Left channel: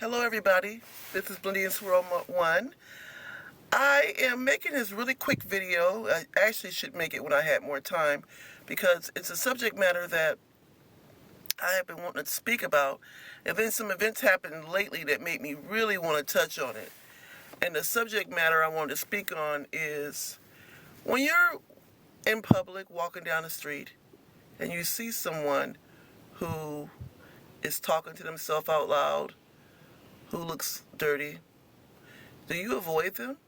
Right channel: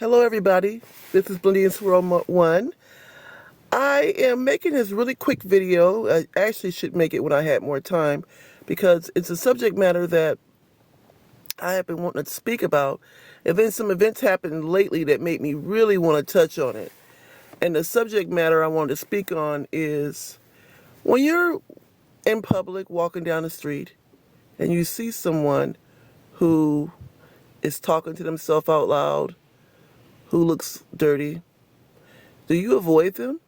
Hello everybody, this is Blindy and Swirl 1. I am making this really quick video. I actually should make it when I had more time because it's a subject matter that I have been wanting to speak about, and then some events happened lately that made me really want to touch on it. And the subject matter I wanted to speak on is when you're in public walking down the street and you see someone who is talking to themselves out loud, who looks dirty, do you avoid them?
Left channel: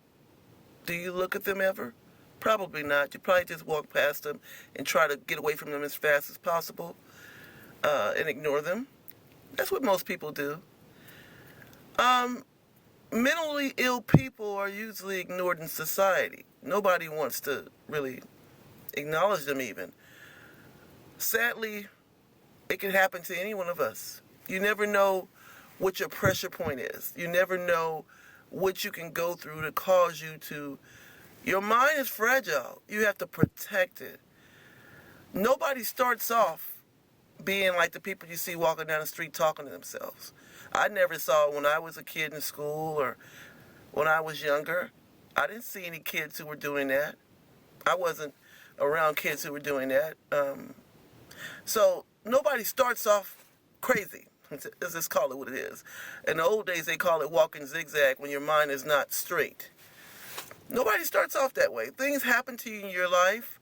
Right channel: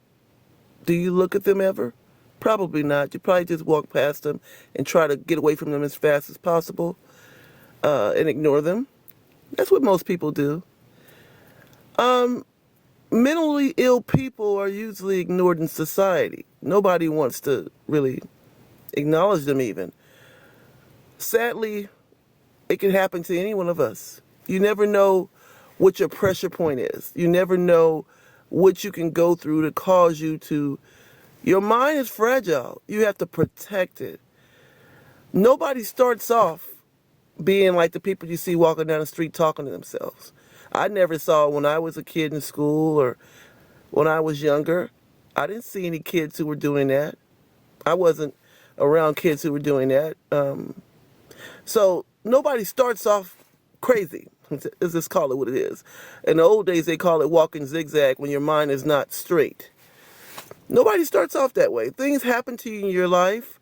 Do you look at them ever? Probably not. You probably just walk past them and try to get away from them as fast as possible and ignore them. That's what most people do. Mentally ill people are usually ignored in society. Nobody wants to really acknowledge them even. Sadly, it can happen to any one of us. You never know what your pressure point is. You never know what you can go through to cause you to... Your mind is fragile. You have to protect it. Nobody starts off being like the people you see walking down the street talking to themselves. I never saw when I was a kid in school or when I was younger. I didn't see any kids who were doing that. I wasn't around kids who were doing that. So nobody starts off crazy. Let's just call it what it is. In the old days, they call it walking zigzag when your mind is not straight. Nobody starts off that way. Things happen to you in your life,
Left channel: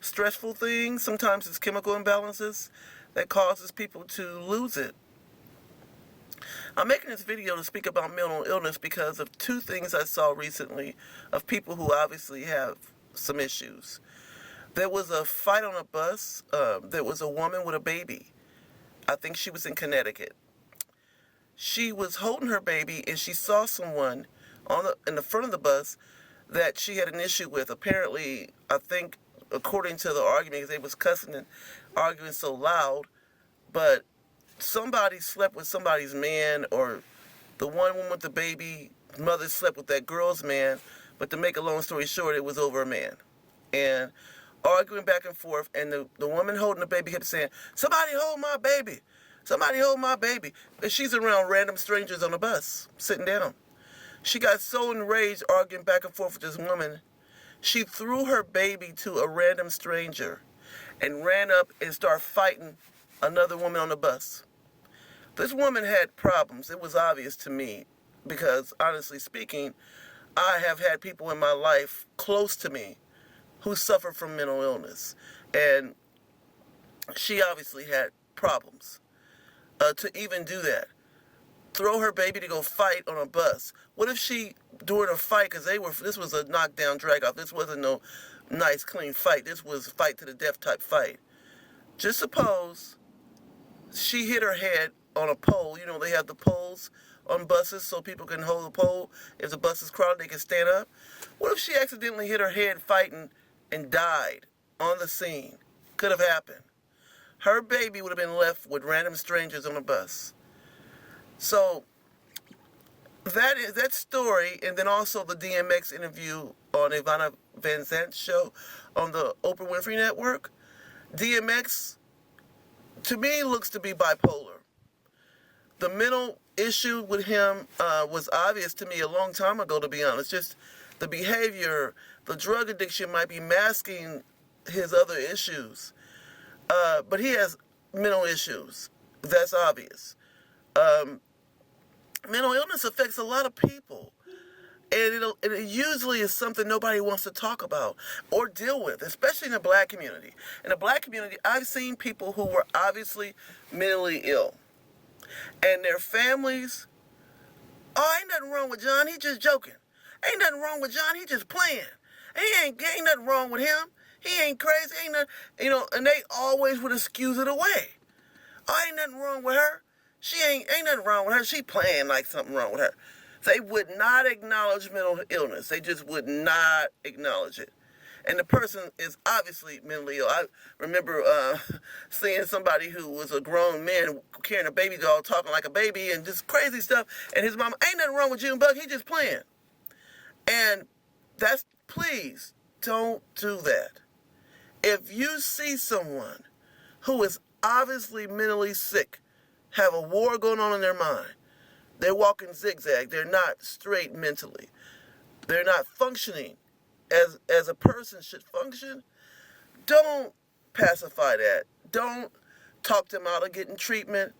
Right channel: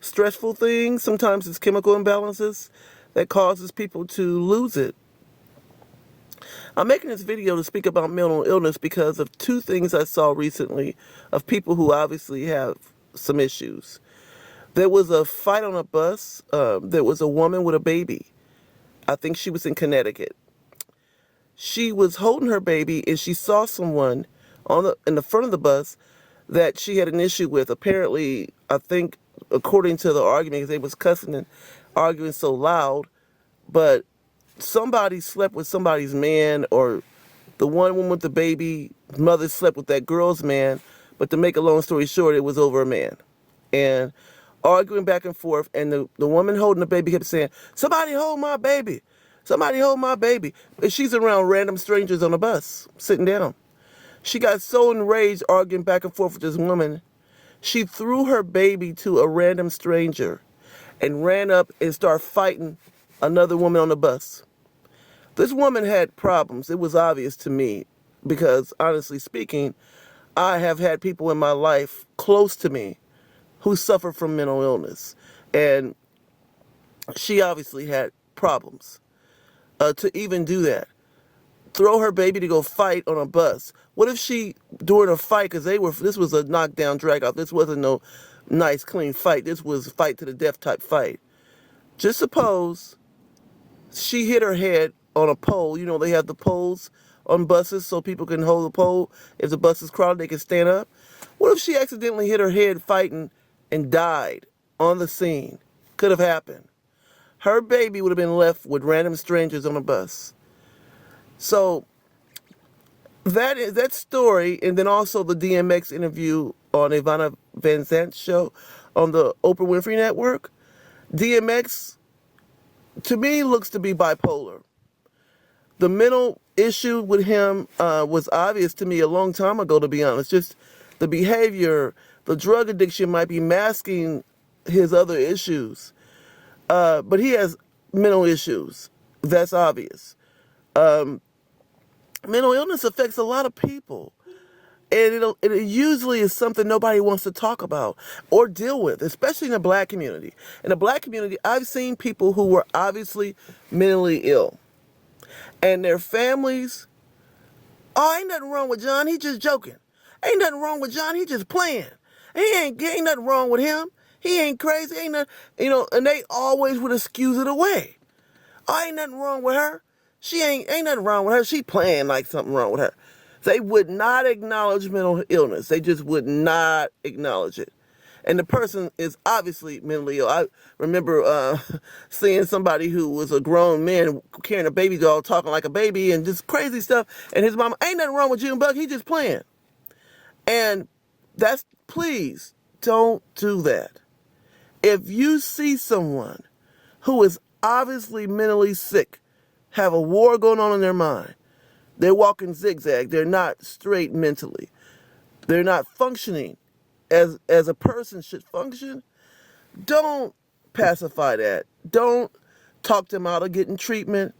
stressful things. Sometimes it's chemical imbalances that causes people to lose it. I'm making this video to speak about mental illness because of two things I saw recently of people who obviously have some issues. There was a fight on a bus. There was a woman with a baby. I think she was in Connecticut. She was holding her baby and she saw someone in the front of the bus that she had an issue with. Apparently, I think, according to the argument, because they was cussing and arguing so loud, but somebody slept with somebody's man, or the one woman with the baby mother slept with that girl's man, but to make a long story short, it was over a man. And arguing back and forth, and the woman holding the baby kept saying, "Somebody hold my baby. Somebody hold my baby." And she's around random strangers on the bus, sitting down. She got so enraged arguing back and forth with this woman, she threw her baby to a random stranger and ran up and started fighting another woman on the bus. This woman had problems. It was obvious to me because, honestly speaking, I have had people in my life close to me who suffer from mental illness. And she obviously had problems to even do that. Throw her baby to go fight on a bus. What if she, during a fight, because this was a knockdown, drag out. This wasn't no nice, clean fight. This was fight to the death type fight. Just suppose she hit her head on a pole. You know, they have the poles on buses so people can hold the pole. If the bus is crowded, they can stand up. What if she accidentally hit her head fighting and died on the scene? Could have happened. Her baby would have been left with random strangers on a bus. So that story, and then also the DMX interview on Ivana Van Zant's show on the Oprah Winfrey Network. DMX, to me, looks to be bipolar. The mental issue with him was obvious to me a long time ago, to be honest. Just the behavior, the drug addiction might be masking his other issues. But he has mental issues. That's obvious. Mental illness affects a lot of people. And it usually is something nobody wants to talk about or deal with, especially in the black community. In the black community, I've seen people who were obviously mentally ill. And their families, "Oh, ain't nothing wrong with John, he just joking. Ain't nothing wrong with John, he just playing. Ain't nothing wrong with him. He ain't crazy, ain't nothing," and they always would excuse it away. "Oh, ain't nothing wrong with her. She ain't nothing wrong with her. She playing like something wrong with her." They would not acknowledge mental illness. They just would not acknowledge it. And the person is obviously mentally ill. I remember seeing somebody who was a grown man carrying a baby doll, talking like a baby and just crazy stuff. And his mama, "Ain't nothing wrong with you and Buck. He just playing." And please don't do that. If you see someone who is obviously mentally sick, have a war going on in their mind, They're walking zigzag. They're not straight mentally. They're not functioning as a person should function. Don't pacify that. Don't talk them out of getting treatment.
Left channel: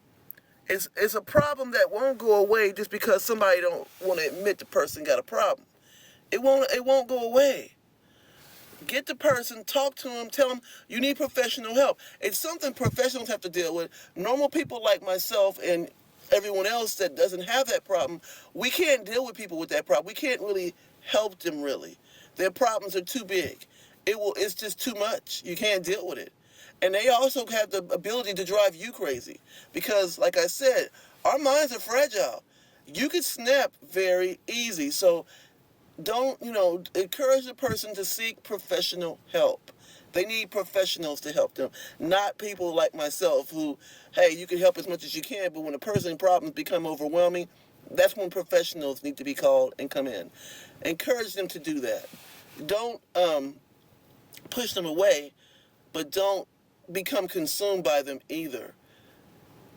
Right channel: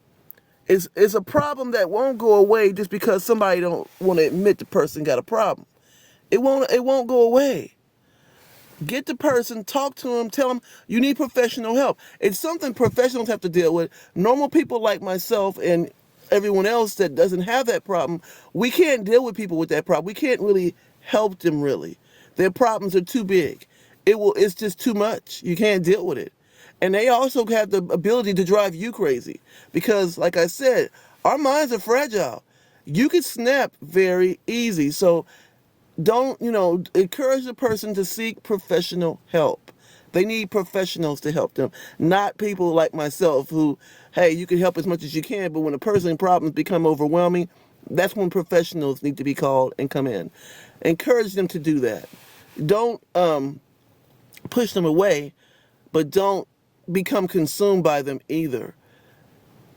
It's a problem that won't go away just because somebody don't want to admit the person got a problem. It won't go away. Get the person, talk to them, tell them you need professional help. It's something professionals have to deal with. Normal people like myself and everyone else that doesn't have that problem, we can't deal with people with that problem. We can't really help them really. Their problems are too big. It's just too much. You can't deal with it. And they also have the ability to drive you crazy because, like I said, our minds are fragile. You can snap very easy. So don't, encourage the person to seek professional help. They need professionals to help them, not people like myself who, hey, you can help as much as you can, but when a person's problems become overwhelming, that's when professionals need to be called and come in. Encourage them to do that. Don't push them away, but don't become consumed by them either.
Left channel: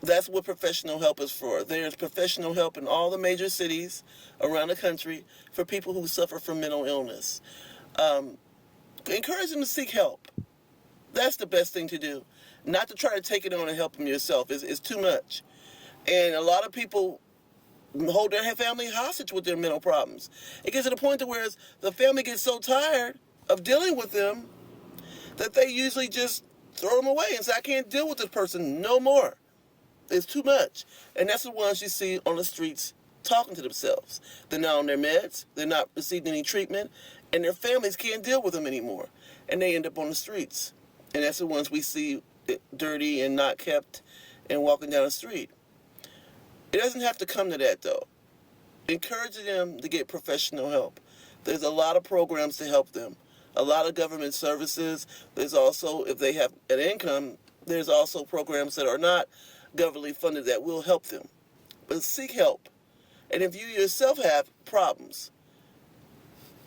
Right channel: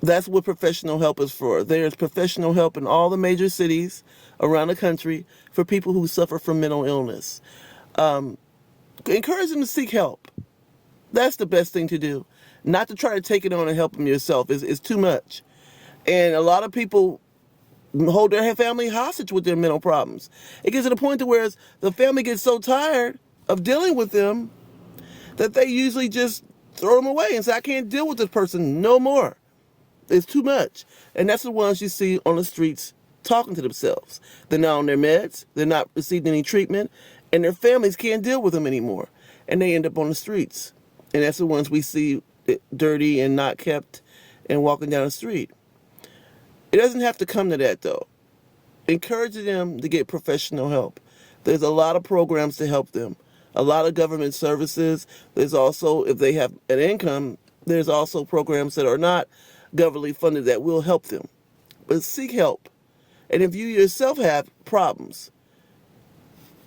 That's what professional help is for. There's professional help in all the major cities around the country for people who suffer from mental illness. Encourage them to seek help. That's the best thing to do. Not to try to take it on and help them yourself. It's too much. And a lot of people hold their family hostage with their mental problems. It gets to the point to where the family gets so tired of dealing with them that they usually just throw them away and say, I can't deal with this person no more. It's too much. And that's the ones you see on the streets talking to themselves. They're not on their meds. They're not receiving any treatment. And their families can't deal with them anymore. And they end up on the streets. And that's the ones we see dirty and not kept and walking down the street. It doesn't have to come to that, though. Encourage them to get professional help. There's a lot of programs to help them. A lot of government services. There's also, if they have an income, there's also programs that are not governmentally funded that will help them. But seek help. And if you yourself have problems,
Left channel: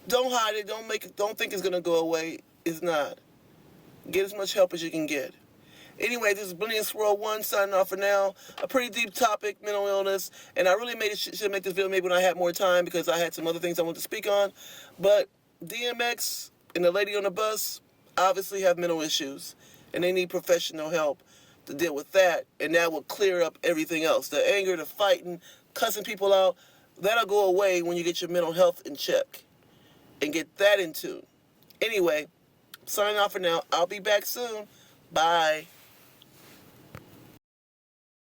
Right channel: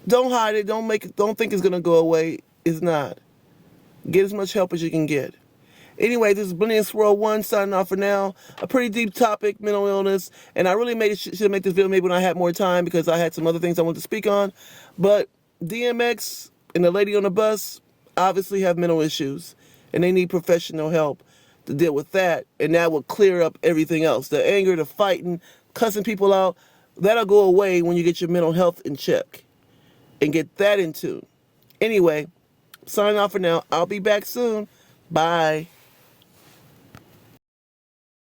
don't hide it. Don't think it's going to go away. It's not. Get as much help as you can get. Anyway, this is Brilliant Swirl 1 signing off for now. A pretty deep topic, mental illness. And I really should make this video maybe when I had more time because I had some other things I wanted to speak on. But DMX and the lady on the bus obviously have mental issues. And they need professional help to deal with that. And that will clear up everything else. The anger, the fighting, cussing people out, that'll go away when you get your mental health in check. And get that in tune. Anyway, signing off for now. I'll be back soon. Bye.